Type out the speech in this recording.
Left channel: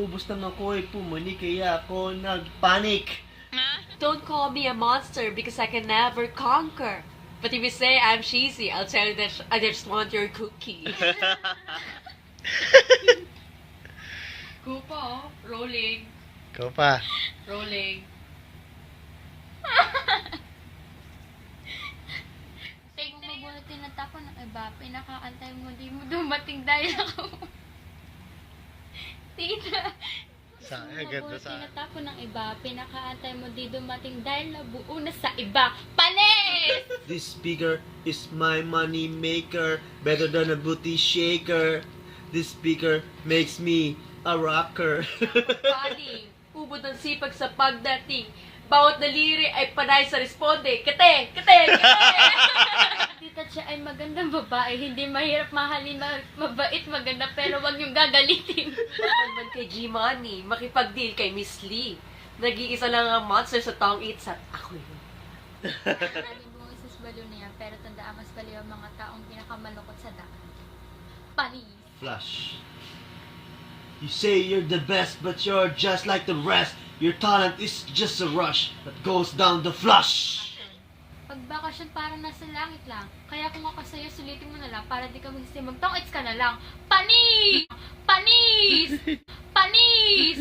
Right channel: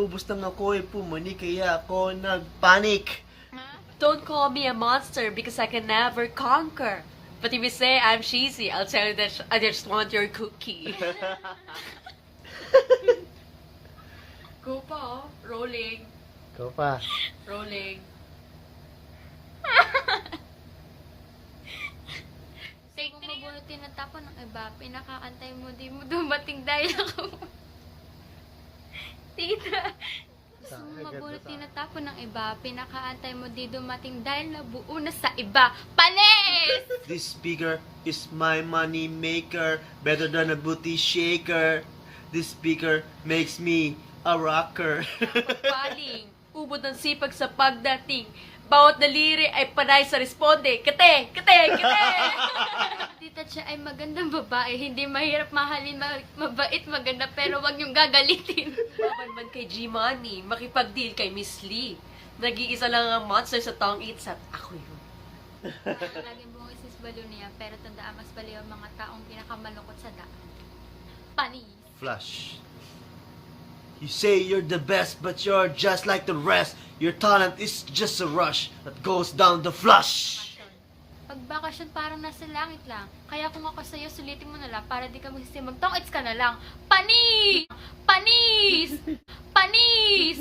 naubos ng ako'y pumani kaya ako nagpanik. Don't call me a monster because I can never conquer. But if you say I'm cheesy, I'll tell you that I just want your cookie. Go pa, oh. Rolling. Ikaw pa. Rolling. Kung mabuti tinatapon ng iba, pinakaantay mo, di mo dumating dahil ako. Tita. Sa Kung agad na mabuti sa tinatapon ng iba, pinakaantay mo, di dumating dahil nabuo na sa iba. Panis! This speaker is my money maker, better than a booty shaker. This speaker makes me a rocker. Paling. Ubod ng sipag sa pagdating. Bawat daliri ay panay sa responde. Kate! Kate! Kate! Tita siya ay magandang babae, hindi mahirap mahalin, mabait, maganda, pero wag niyong gagalitin. Magandang kay G-Money, makipag-deal kay Miss Lee. Nag-iisa lang ang monster sa taong its at ako yun. Alam mo, isis balo niya, pero tandaan mas baliw ang mga taong pinakamalungkot sa daan. Panis! Flush. You say you're the best, but you're just like the rest. Your talent is just a rush that goes down the flush. Pag bakasyon parang nasa langit lang. Kaya kung ako sa'yo, sulitin mo na lang para di ka magsisimag. Tong-its ka na lang. Panis! Panis! Panis!